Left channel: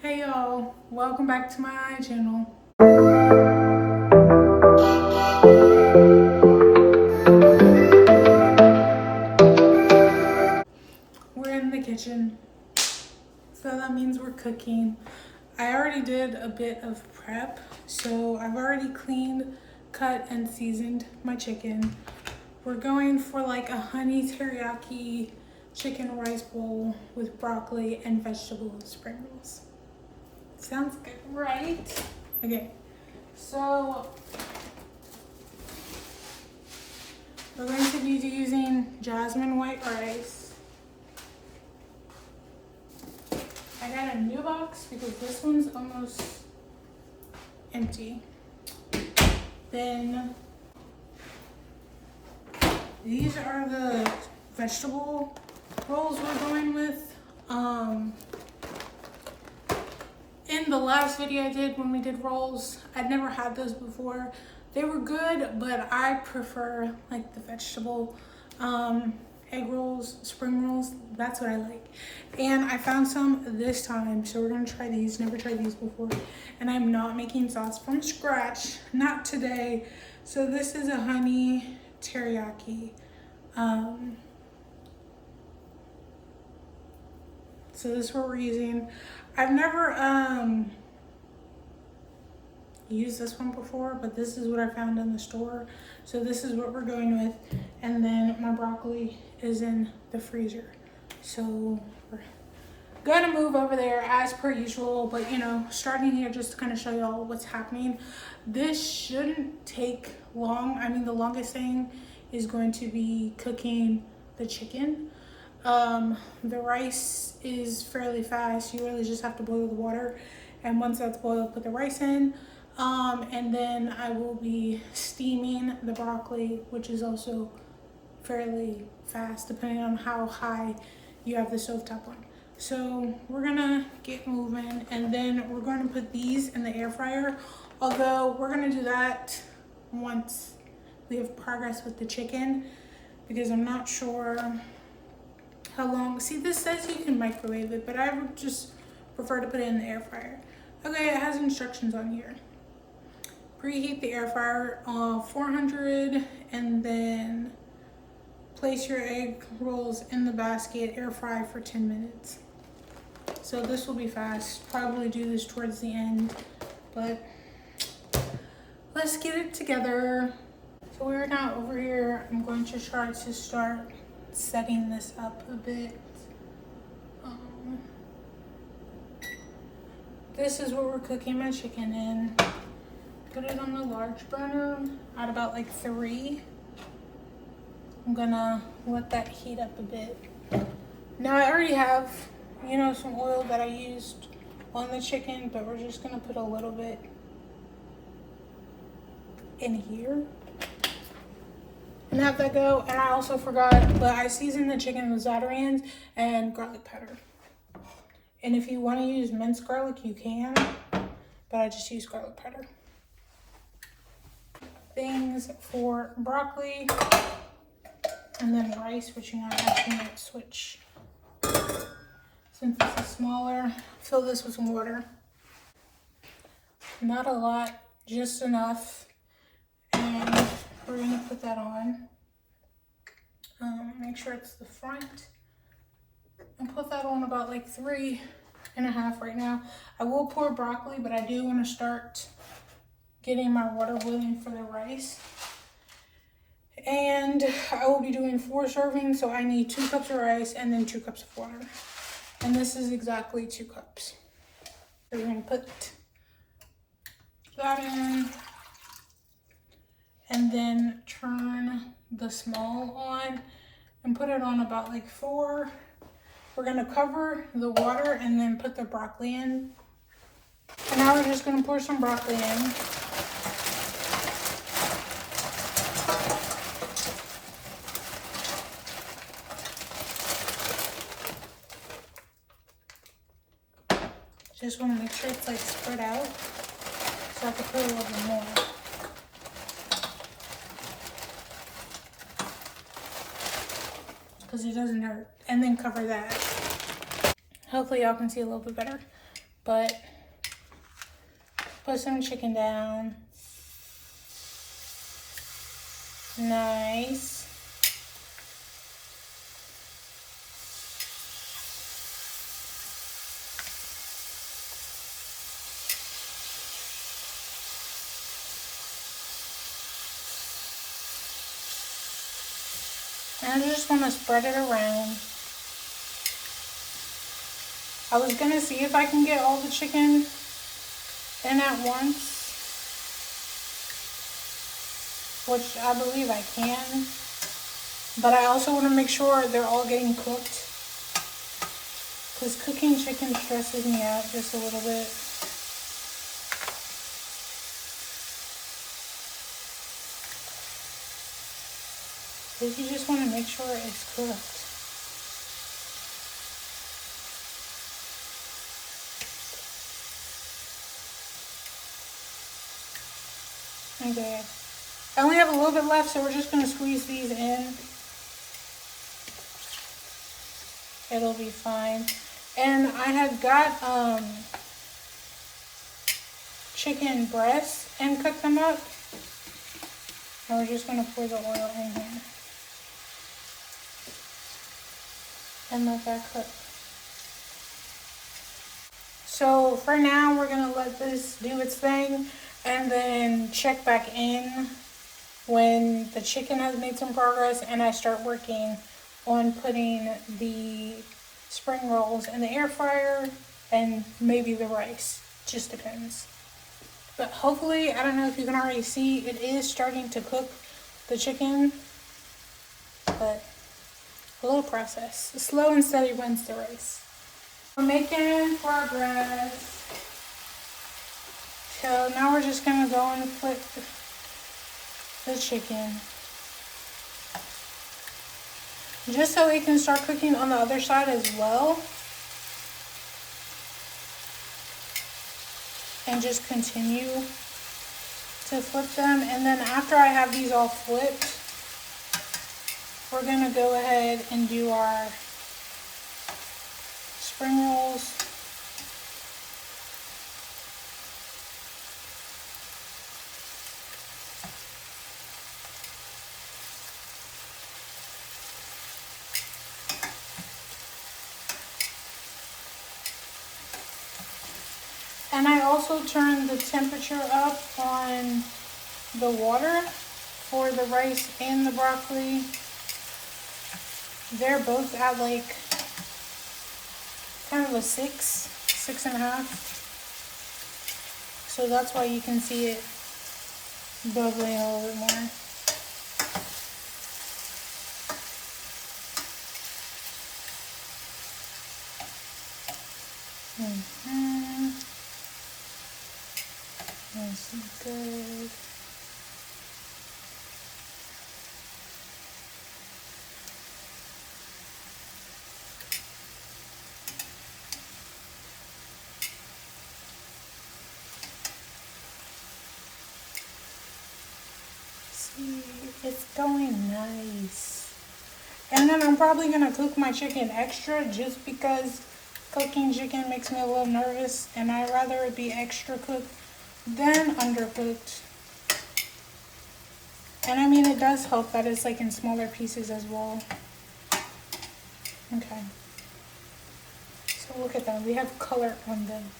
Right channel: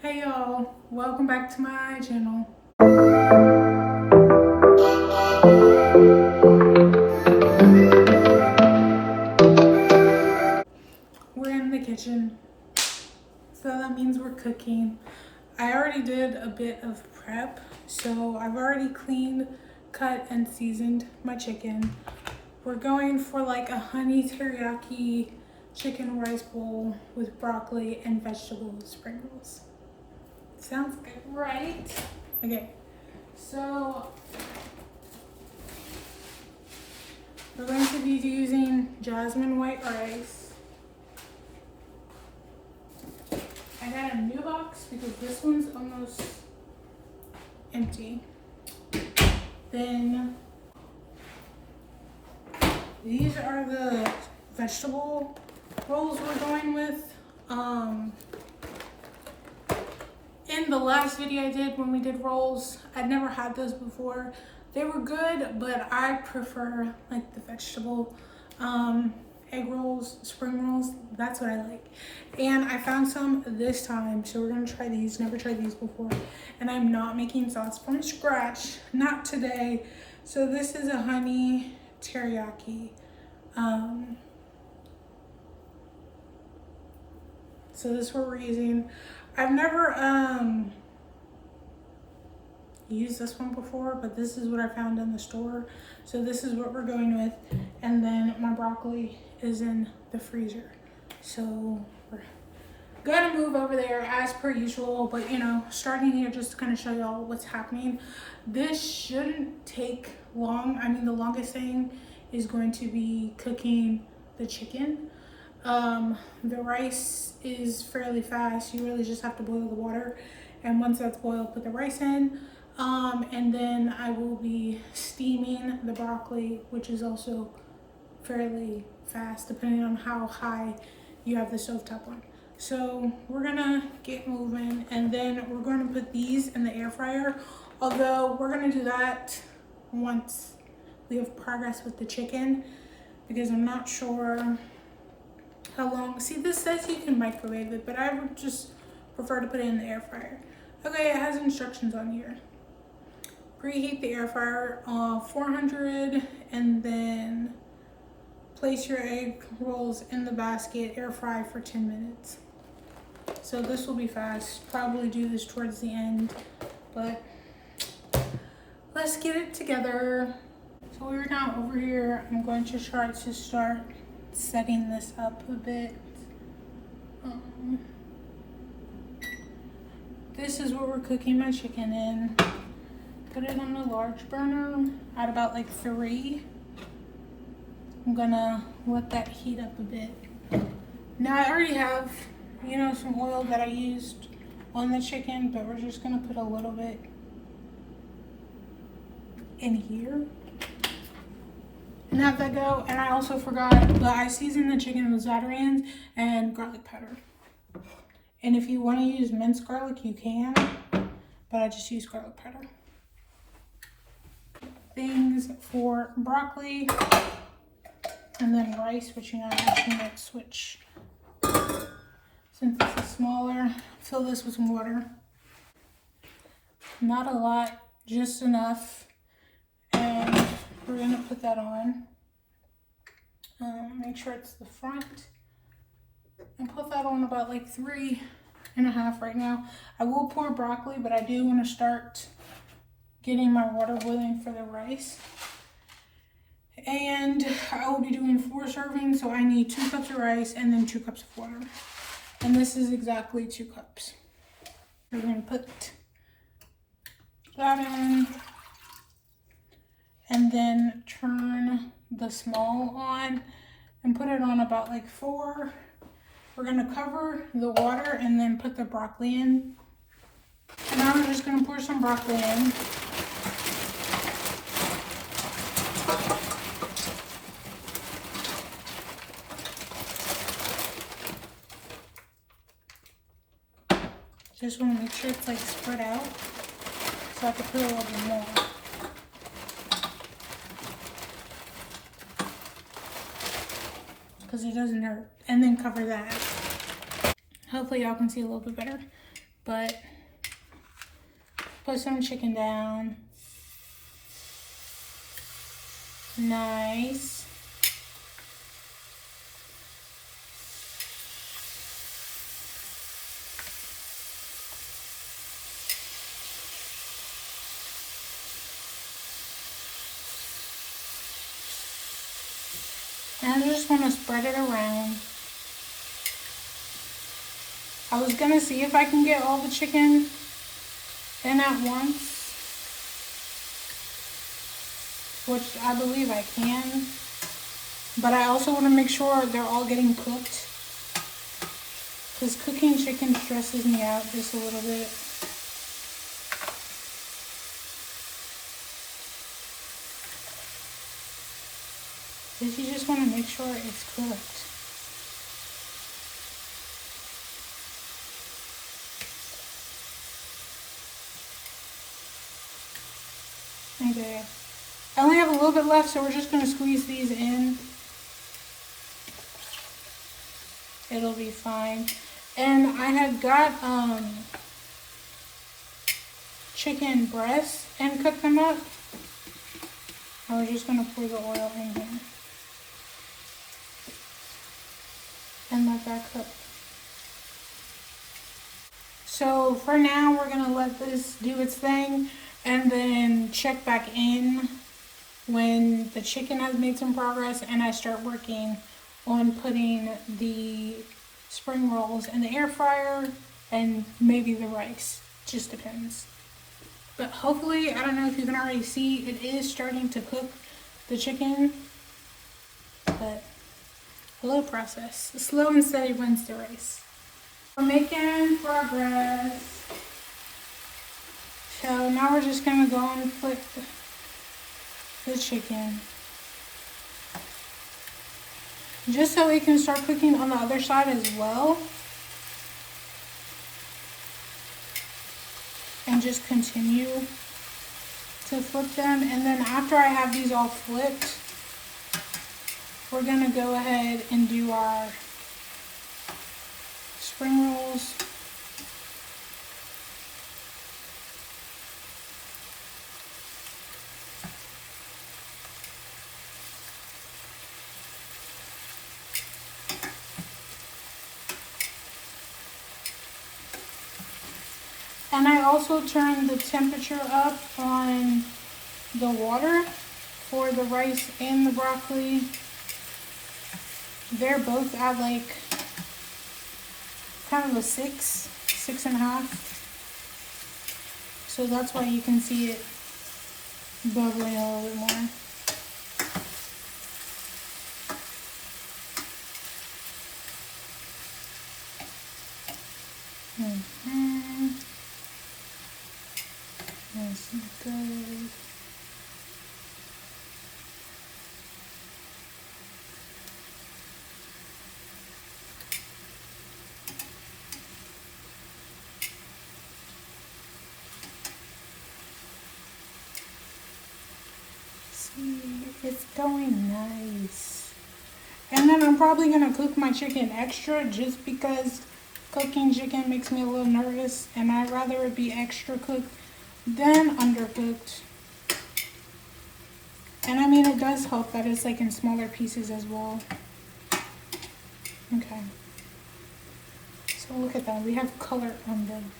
Hey y'all, welcome back to my channel. We're in the kitchen, so that means we're cooking. I already did a bit of prep, so I've already cleaned, cut, and seasoned my chicken. We're going for like a honey teriyaki chicken rice bowl with broccoli and vegetable spring rolls. Sounds good, right? Okay, so we're going to be using jasmine white rice. I got a new box because this one's almost empty. Then these are the vegetable rolls we're going with. In the last video I did when we did rolls, I'd never had those before. They were good, but I prefer like the vegetable egg rolls, spring rolls. That's what I like. And I found some this time, so we're gonna try these. Never tried these before. And I'm not making sauce from scratch, not today. So this is a honey teriyaki. So this is what we're using. I've never used this one before, but this is what I found in the store. So this is what we're going with. And then my broccoli is in the freezer. So we're gonna move over there as per usual, but you know, starting here just to kind of show y'all what's happening. This shouldn't take long. I mean, the longest thing is going to be cooking the chicken. The rice is fairly fast. You really just have to boil the water, and once that's boiled, put the rice in. And then I will be steaming the broccoli, which is also fairly fast depending on how high you have the stovetop on. So we're gonna get moving, and then we're gonna put these in the air fryer, although we're gonna do that once we have progress with the chicken, because I'm not sure how long. See, this says you can microwave it, but I would just prefer to put it in the air fryer. Okay, it has instructions on here. Preheat the air fryer on 400, and then place your egg rolls in the basket, air fry for 10 minutes. So this will be fast. Probably do this towards the end, but let's get it together. So we're now over here. I'm going to try to start setting this up a bit. This is what we're cooking my chicken in. Put it on a large burner at about like 3. I'm gonna let that heat up a bit. Now I already have, you know, some oil that I used on the chicken, but we're just gonna put a little bit in here and have that go. And I also forgot, but I seasoned the chicken with Zatarain's and garlic powder. And if you want to use minced garlic, you can, but I just use garlic powder. Things for broccoli, and then rice, which you know I have to switch. Since this is smaller, fill this with some water. Not a lot, just enough. And we're gonna put that on. Make sure it's the front. And put that on about like 3.5 right now. I will pour broccoli, but I do want to start getting my water boiling for the rice. And I will be doing 4 servings, so I need 2 cups of rice and then 2 cups of water. And this is exactly 2 cups. We're gonna put that in, and then turn the small on and put it on about like 4. We're gonna cover the water and then put the broccoli in. And now we're just gonna pour some broccoli in. Just want to make sure it's like spread out, so I can put a little bit more. Because it doesn't hurt. And then cover that. Hopefully y'all can see a little bit better. But put some chicken down. Nice. And I just want to spread it around. I was going to see if I can get all the chicken in at once, which I believe I can. But I also want to make sure they're all getting cooked, because cooking chicken stresses me out just a little bit. Because you just want to make sure it's cooked. Okay. I only have a little bit left, so we're just going to squeeze these in. It'll be fine. And I had got chicken breasts and cooked them up. And we're just going to pour the oil in here and let that cook. So for now, we're going to let this do its thing and then check back in when the chicken has made some progress and I start working on putting the spring rolls in the air fryer and maybe the rice. Just depends. But hopefully, I don't know if you can already see, it is starting to cook the chicken. But a little process. Slow and steady wins the race. We're making progress. So now we're just going to go and flip the chicken. Just so it can start cooking on the other side as well. And just continue to flip them. And then after I have these all flipped, we're going to go ahead and do our spring rolls. And I also turned the temperature up on the water for the rice and the broccoli. They're both at like kind of a 6.5. So that's why you can see it bubbling a little bit more. Nice and good. See, it's going nice. And then I'm probably gonna cook my chicken extra just because cooking chicken makes me a little nervous, and I'd rather it be extra cooked than undercooked. And I mean, it does help that it's like in smaller pieces as well. Okay. So look at that, we have color on them.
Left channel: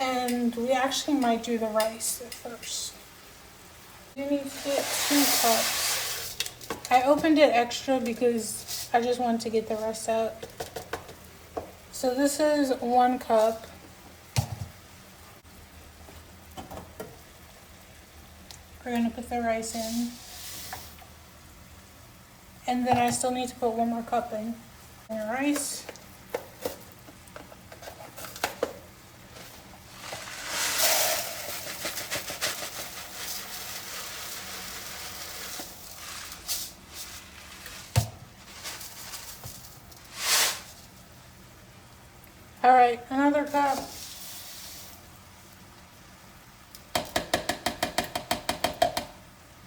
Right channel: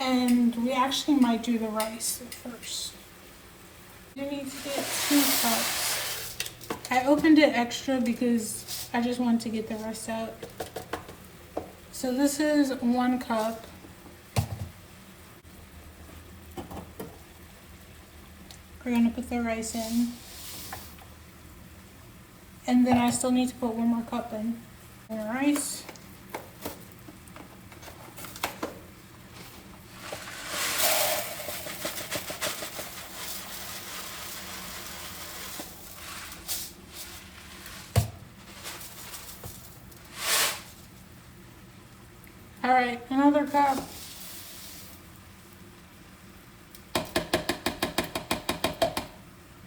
And we actually might do the rice first. You need to get 2 cups. I opened it extra because I just wanted to get the rest out. So this is 1 cup. We're gonna put the rice in. And then I still need to put 1 more cup in. The rice. All right, another cup.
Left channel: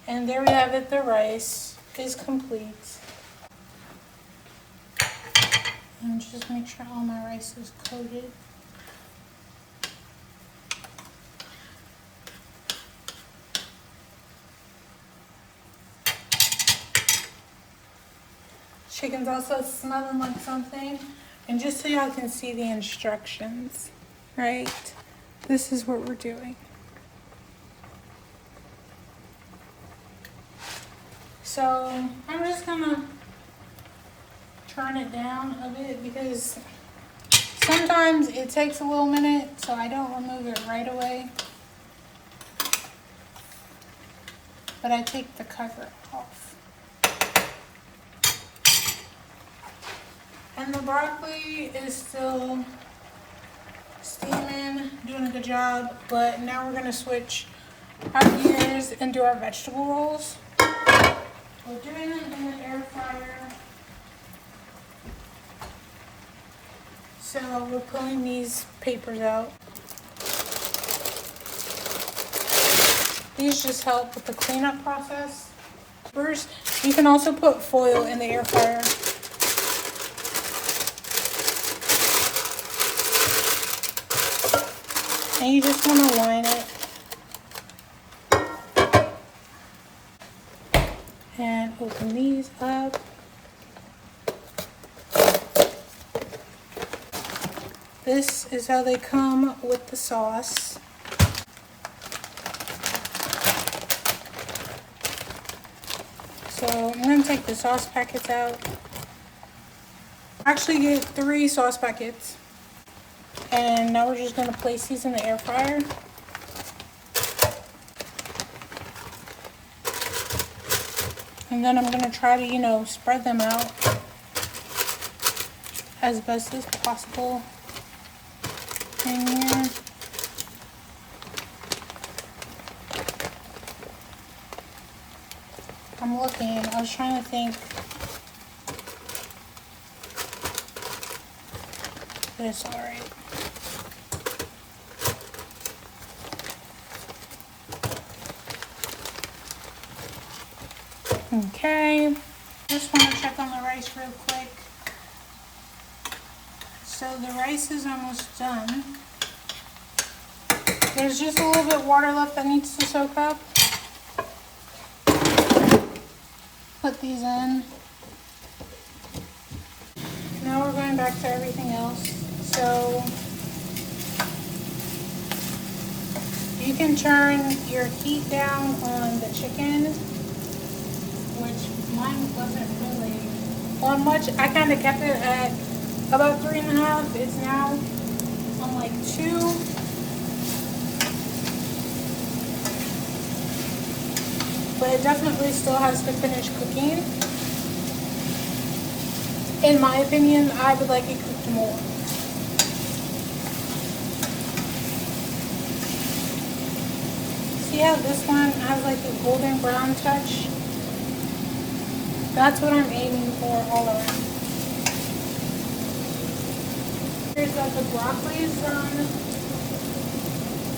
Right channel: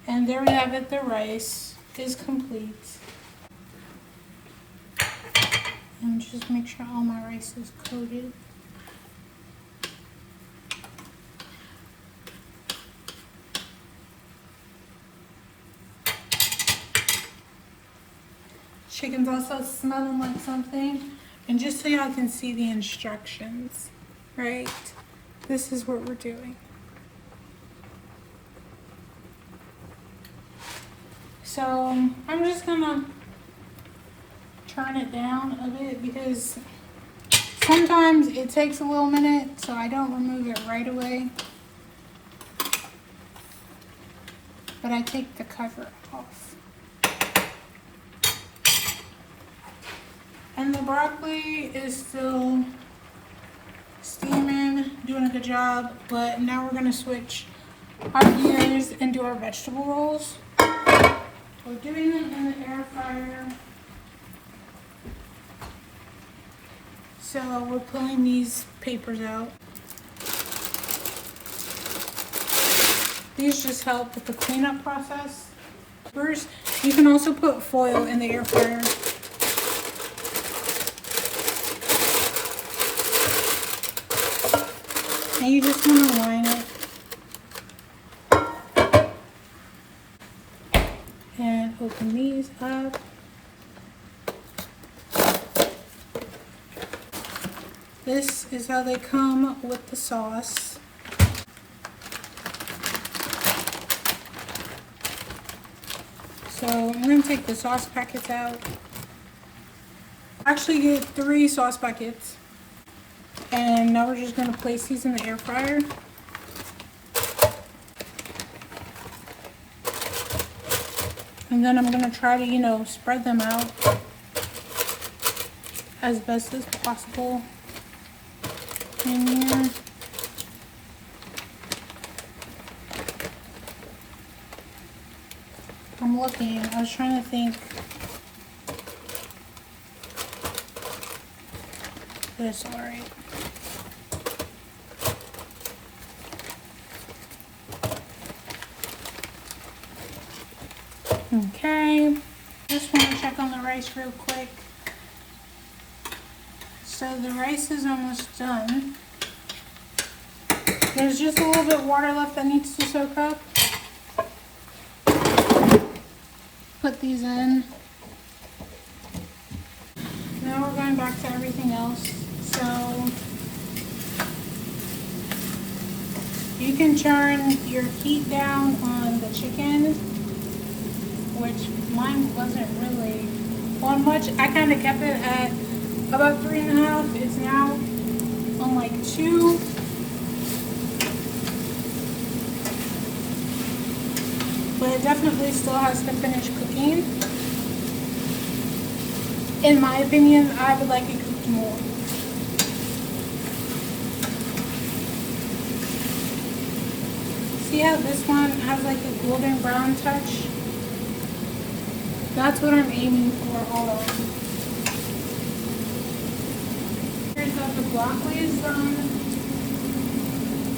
And there we have it, the rice is complete. And just make sure all my rice is coated. Chicken's also smelling like something. And just so y'all can see the instructions, right? This is what we're doing. So I'm just gonna turn it down a bit because sometimes it takes a little minute, so I don't remove it right away. But I take the cover off. And the broccoli is still steaming, doing a good job, but now we're gonna switch our gears and do our vegetable rolls. We're doing it in the air fryer. So we're pulling these papers out. These just help with the cleanup process. First, you can also put foil in the air fryer. And you just want to line it. And open these up. This is how they come with the sauce. So I'm going to take the sauce packets out. Actually get 3 sauce packets. And now we're just going to place these in the air fryer. And then I'm going to try to, spread them out as best as possible in here. I'm looking, I was trying to think. But it's alright. Okay, just want to check on the rice real quick. So the rice is almost done. There's just a little bit of water left that needs to soak up. Put these in. Now we're going back to everything else. So you can turn your heat down on the chicken, which mine wasn't really on much. I kind of kept it at about 3.5. It's now on like 2. But it definitely still has to finish cooking. In my opinion, I would like it cooked more. See how this one has like a golden brown touch? That's what I'm aiming for all around. Here's that the broccoli is done.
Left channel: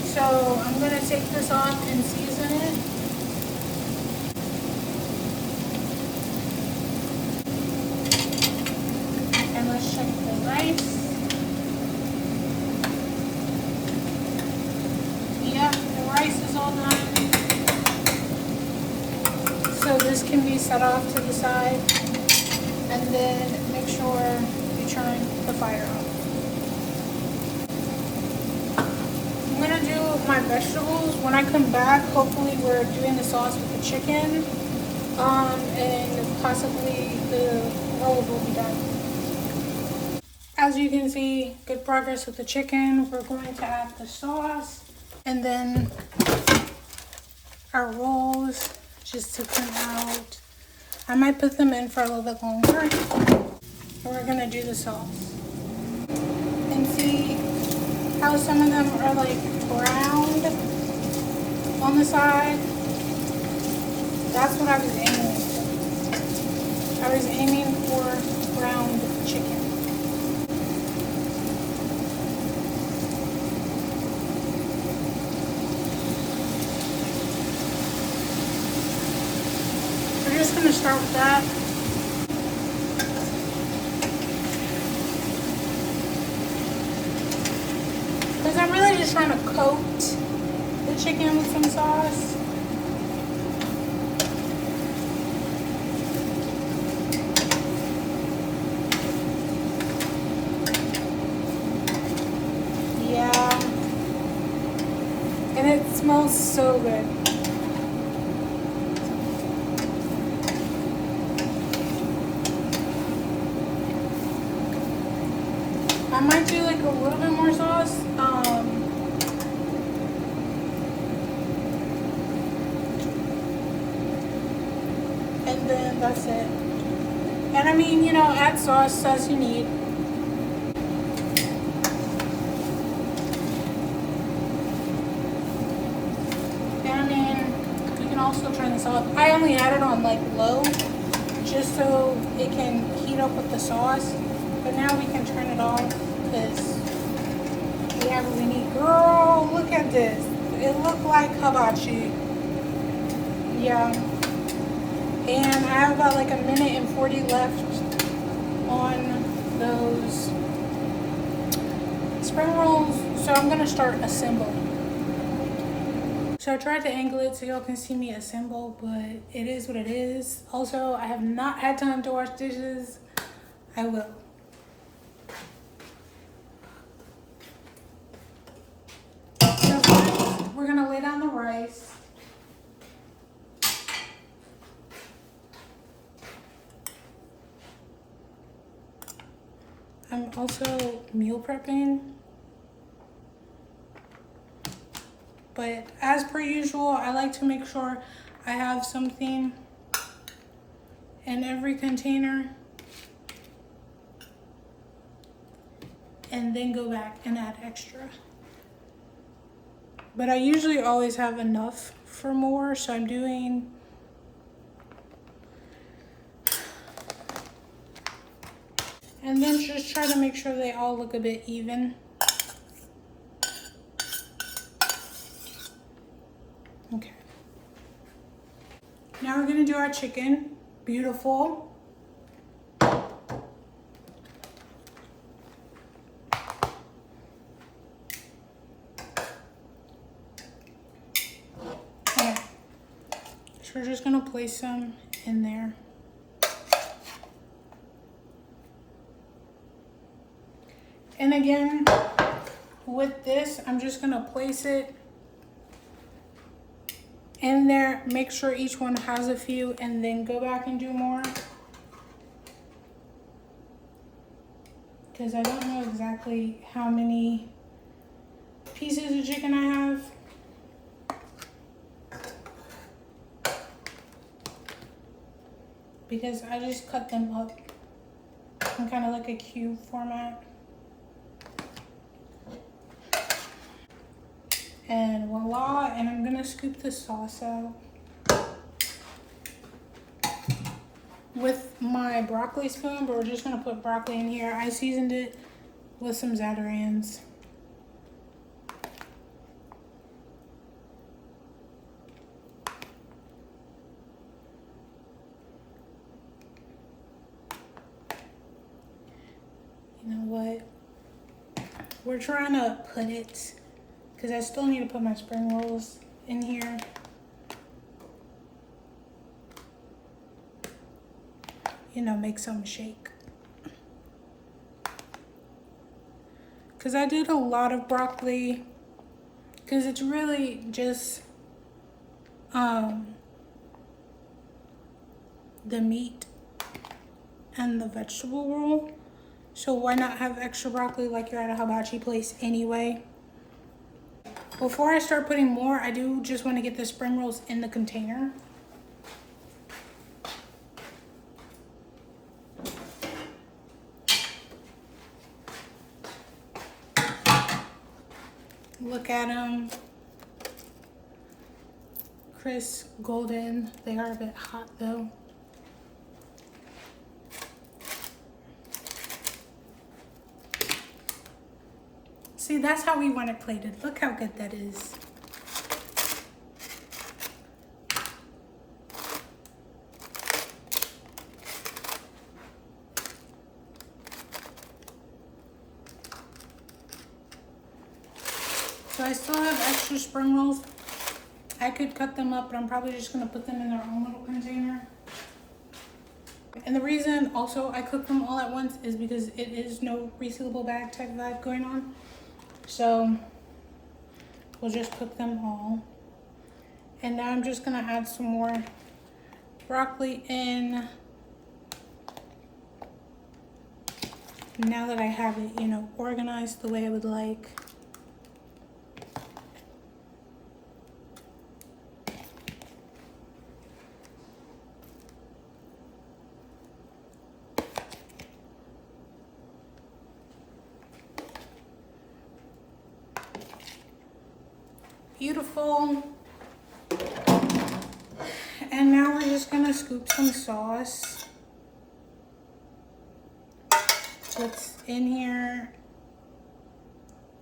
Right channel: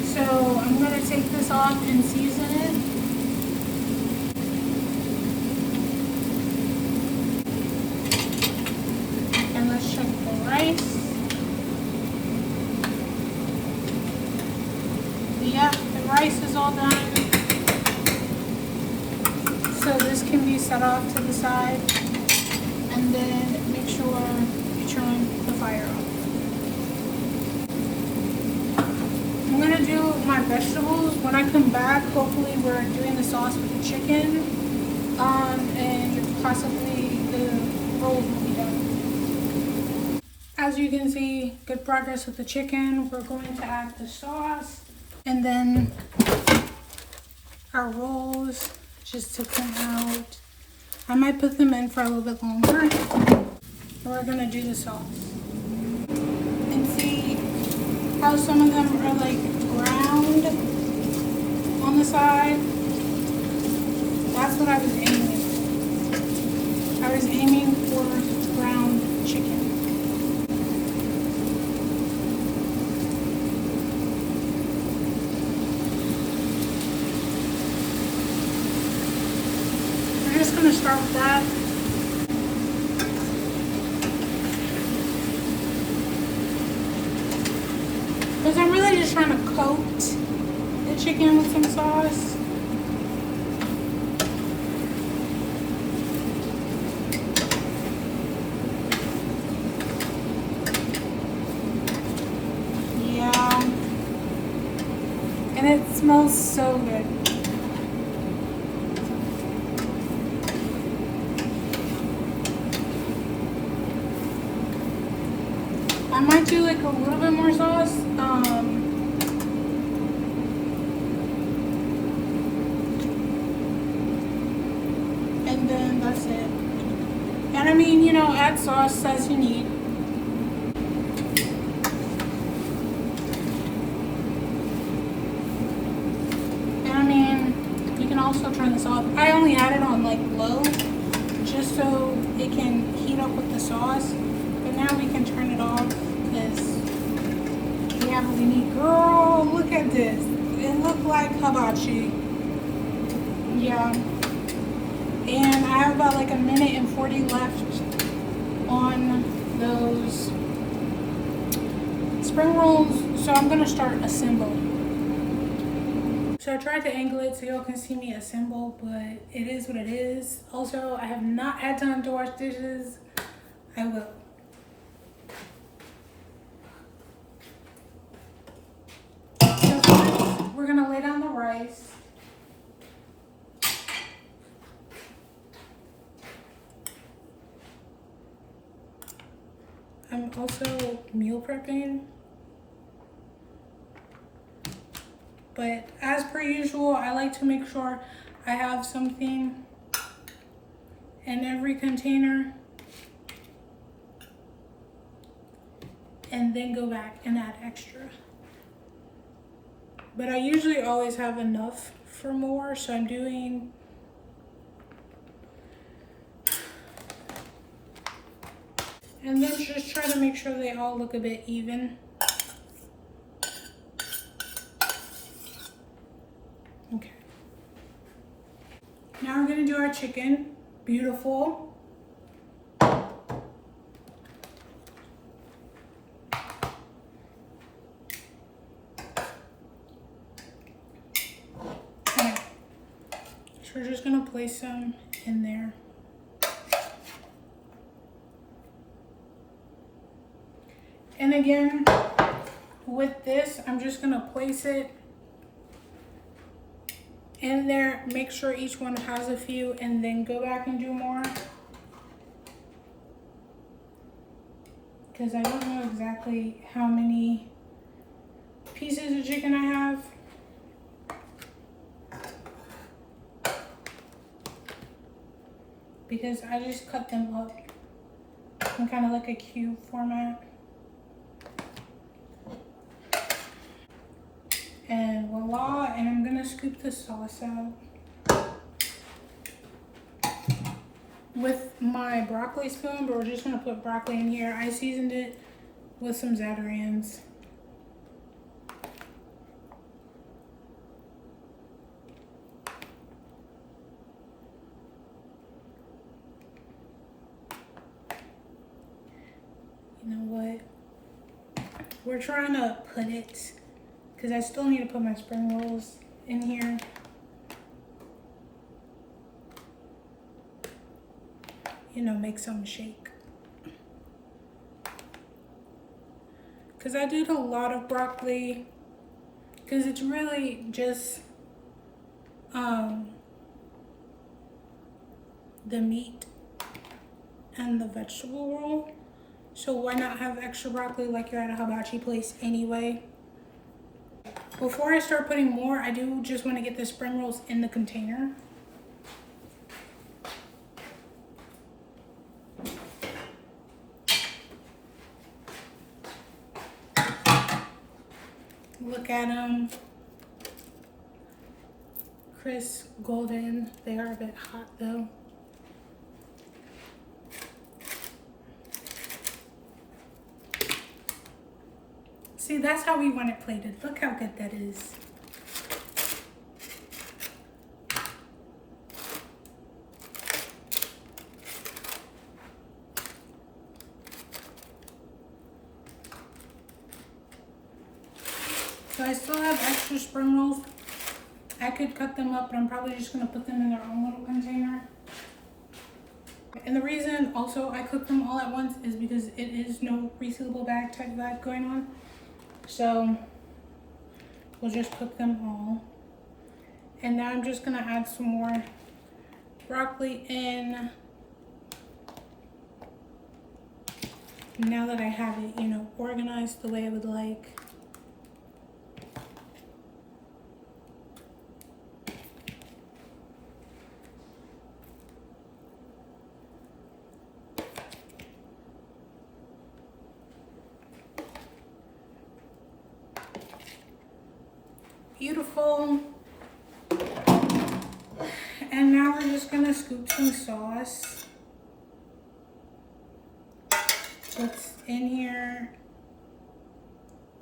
So I'm going to take this off and season it. And let's check the rice. Yep, the rice is all done. So this can be set off to the side, and then make sure you turn the fire off. I'm gonna do my vegetables. When I come back, hopefully we're doing the sauce with the chicken, and possibly the rolls will be done. As you can see, good progress with the chicken. We're going to add the sauce, and then our rolls. Just took them out. I might put them in for a little bit longer. And we're gonna do the sauce. And see how some of them are like browned on the side. That's what I was aiming for. I was aiming for browned chicken. We're just going to start with that. Because I'm really just trying to coat the chicken with some sauce. smells so good. I might do like a little bit more sauce. And then that's it. And I mean, you know, add sauce as you need. And I mean, you can also turn this off. I only add it on like low, just so it can heat up with the sauce. But now we can turn it off because we have what we need. Girl, look at this. It looked like hibachi. Yeah. And I have about like a minute and 40 left on those spring rolls. So I'm gonna start assembling. So I tried to angle it so y'all can see me assemble, but it is what it is. Also, I have not had time to wash dishes. I will. So first, we're gonna lay down the rice. I'm also meal prepping. But as per usual, I like to make sure I have something in every container and then go back and add extra. But I usually always have enough for more, so I'm doing and then just try to make sure they all look a bit even. Okay. Now we're gonna do our chicken. Beautiful. Okay. So we're just gonna place some in there. And again, with this, I'm just gonna place it in there, make sure each one has a few, and then go back and do more. Because I don't know exactly how many pieces of chicken I have. Because I just cut them up in kind of like a cube format. And voila, and I'm gonna scoop the sauce out with my broccoli spoon, but we're just gonna put broccoli in here. I seasoned it with some Zatarain's. You know what? We're trying to put it, because I still need to put my spring rolls in here. You know, make some shake. Because I did a lot of broccoli, because it's really just the meat and the vegetable roll. So why not have extra broccoli like you're at a hibachi place anyway? Before I start putting more, I do just want to get the spring rolls in the container. Look at them. Crisp, golden. They are a bit hot though. See, that's how we want it plated. Look how good that is. So I still have extra spring rolls. I could cut them up, but I'm probably just gonna put them in their own little container. And the reason also I cook them all at once is because it is no resealable bag type vibe going on. So we'll just cook them all. And now I'm just gonna add some more broccoli in. Now that I have it, you know, organized the way I would like. Beautiful. And now we're just gonna scoop some sauce. What's in here,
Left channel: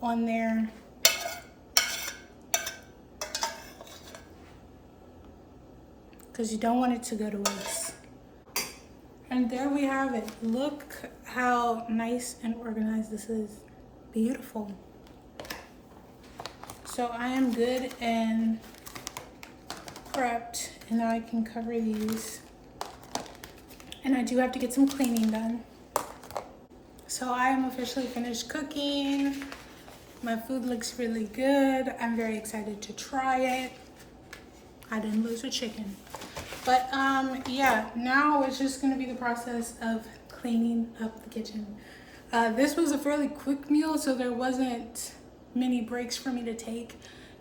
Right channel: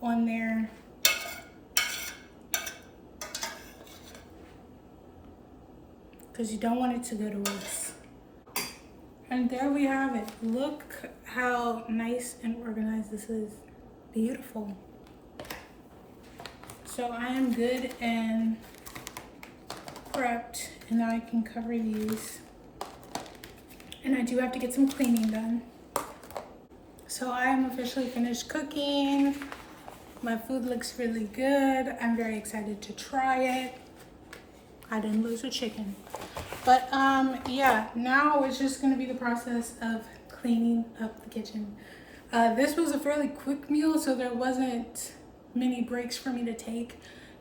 on there. Because you don't want it to go to waste. And there we have it. Look how nice and organized this is. Beautiful. So I am good and prepped, and now I can cover these. And I do have to get some cleaning done. So I am officially finished cooking. My food looks really good. I'm very excited to try it. I didn't lose a chicken. But yeah, now it's just gonna be the process of cleaning up the kitchen. This was a fairly quick meal, so there wasn't many breaks for me to take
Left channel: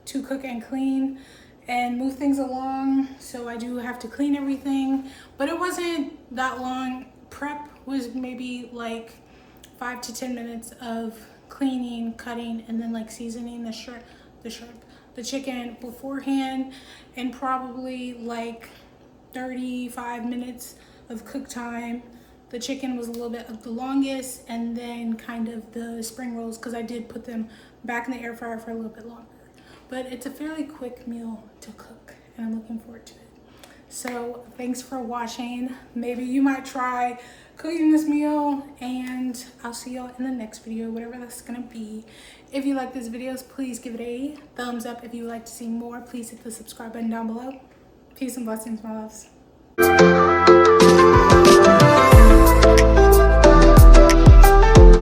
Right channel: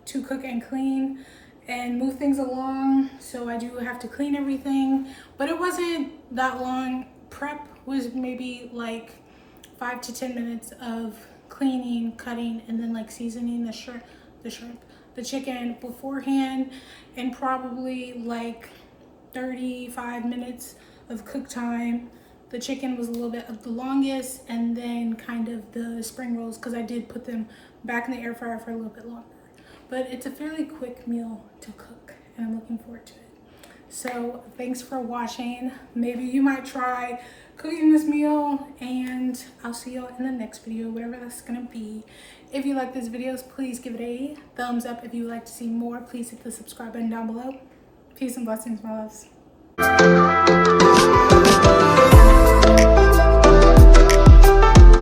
to cook and clean and move things along. So I do have to clean everything, but it wasn't that long. Prep was maybe like 5 to 10 minutes of cleaning, cutting, and then like seasoning the chicken beforehand, and probably like 35 minutes of cook time. The chicken was a little bit of the longest, and then kind of the spring rolls, because I did put them back in the air fryer for a little bit longer. But it's a fairly quick meal to cook, and I'm looking forward to it. So thanks for watching. Maybe you might try cooking this meal, and I'll see y'all in the next video, whatever that's gonna be. If you like this video, please give it a thumbs up. If you would like to see more, please hit the subscribe button down below. Peace and blessings, my loves.